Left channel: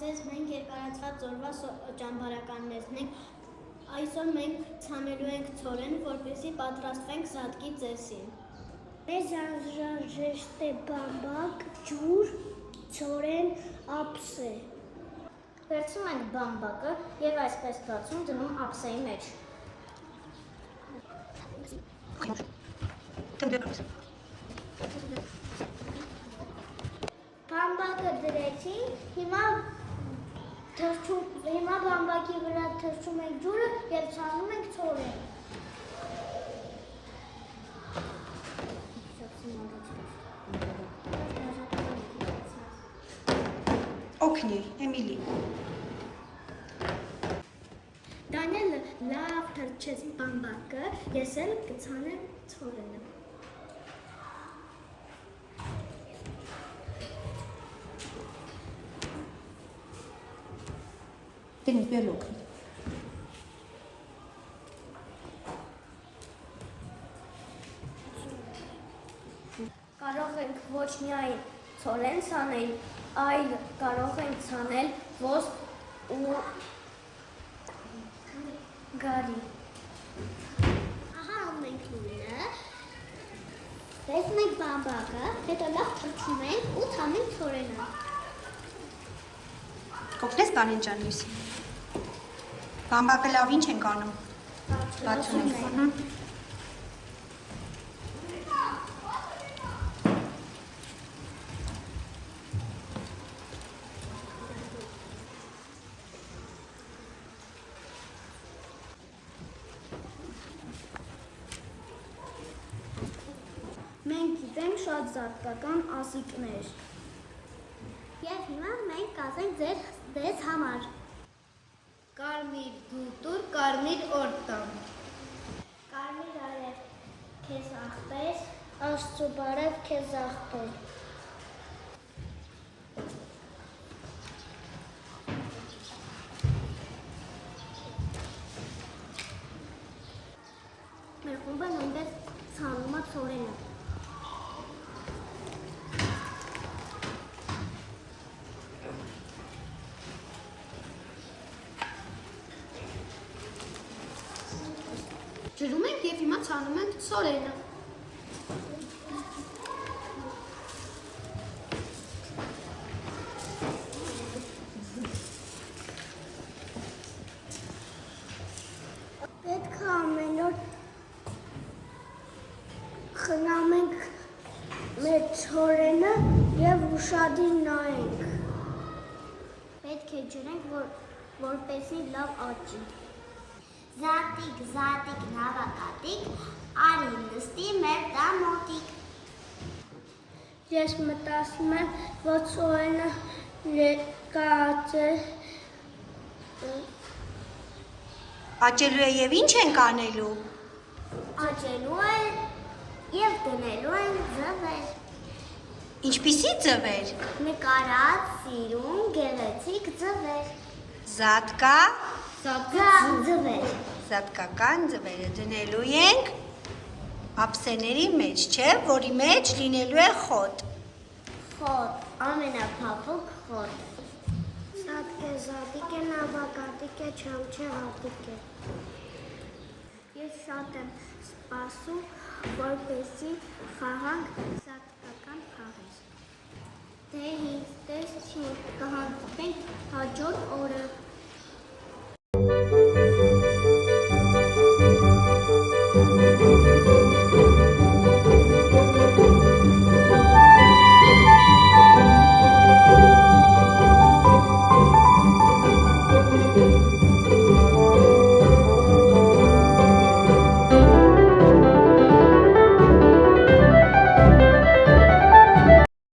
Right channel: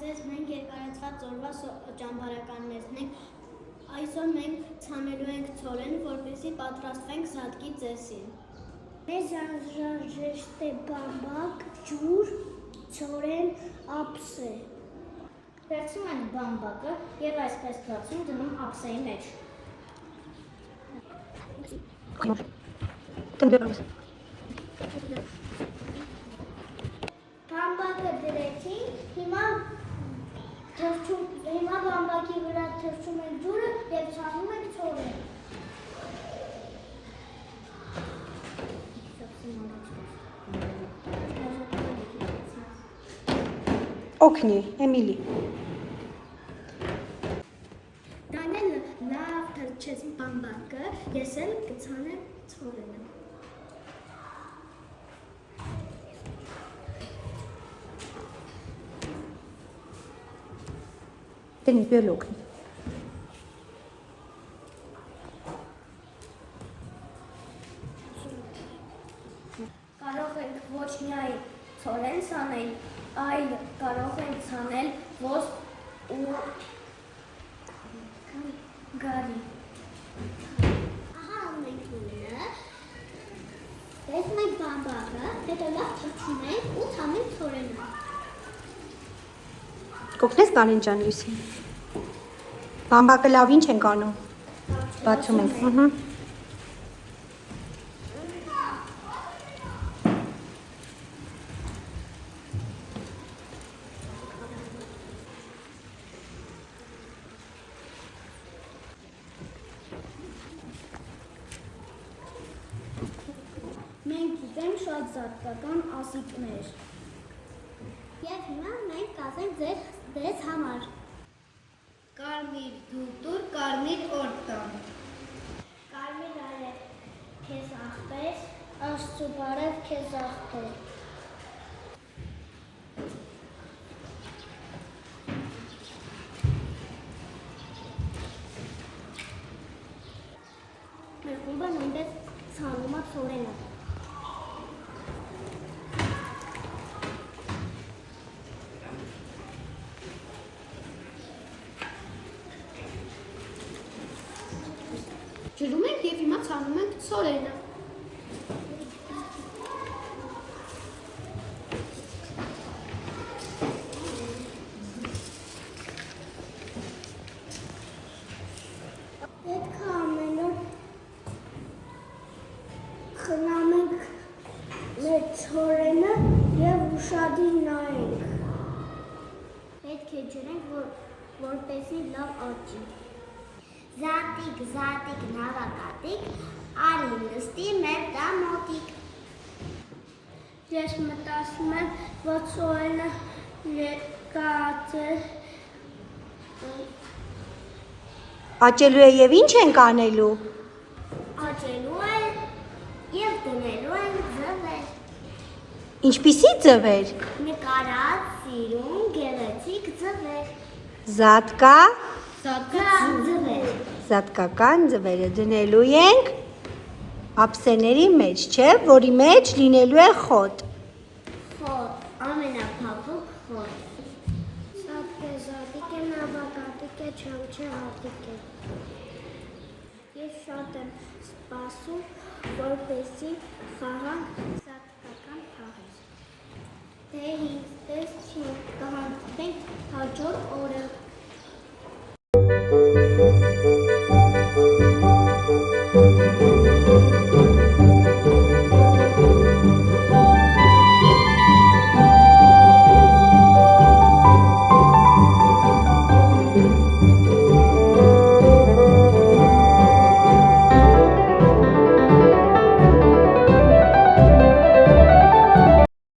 ձեզ մենք երկարացված օրվա ճամբարականներն ենք։ Այսօր մենք ցանելու ենք ցորեն, որպեսզի պատրաստվենք զատկի ծեսին։ Մեզ անհրաժեշտ է բամբակ, ջուր, ցորեն, ափսե։ Վերցնում ենք բամբակը եւ այսպես բացում դնում ափսեի մեջ։ Բամբակը դրեցին, հիմա բամբակի վրա թռչում ենք ջուրը եւ ցանում ենք ցորեն։ Օգնի, Էմիլի։ Դանիելը լավ թռչեց բամբակը, ես էլ կցանեմ ցորենը։ Դենիս բերել օգնի։ Կարող ենք ոչ միայն ցորեն ցանել, այլ կարող ենք ցանել ոսպ ու գարի։ Ահա ունենք նույնը։ Տեսնում ենք բամբակը, հետո լավ թռչում ենք ու ցանում ենք ցորենը։ Կօգնես Կարեն ջան լույսին։ Բամբակը լավ ինչ ենք անում։ Բացում ենք։ Մենք գիտենք շատ զարգական ասիկներ։ Եվ հիմա մենք կասենք ձեզ համար։ Կարմիր դուտուր, կարմիր օրտամ։ Կարմիր արև քեզ ախտեր, Աստծո բարև քեզ ախտեր։ Մեր խումբը նույնպես ցանում է ցորենը։ Ջրում ենք եւ հիմա ցանում ենք ցորենը։ Պետք է ամեն օր խնամենք մեր ցորենը եւ ուշադիր նայենք։ Պետք է ջրենք, որպեսզի լավ աճի։ Զատիկ, զատիկ, նավակատիկ, արի նստի մեր տան մոտիկ։ Ես մտածում եմ, որ ցորենը ներկայացել Աճելու է եւ ինչ ենք անելու։ Աճելու են եւ դնելու են ձվեր։ Ինչպիսի ձվեր։ Նկարած, սիրուն, գեղեցիկ ձվեր։ Զատկա, Ձվեր։ զատկական ձվերը դնելու ենք ափսեների մեջ, չէ՞, որի մեջ լինելու է խոտ։ Խոտ, ամենափափուկ խոտ։ Զատիկ է, նավակատիկ է, չամչե հատիկ է։ Ես շատ եմ սպասում, որպեսզի խաղանք զատկական խաղեր։ Դե ինձ տես չի, կհանդիպենք հաջորդ օրը։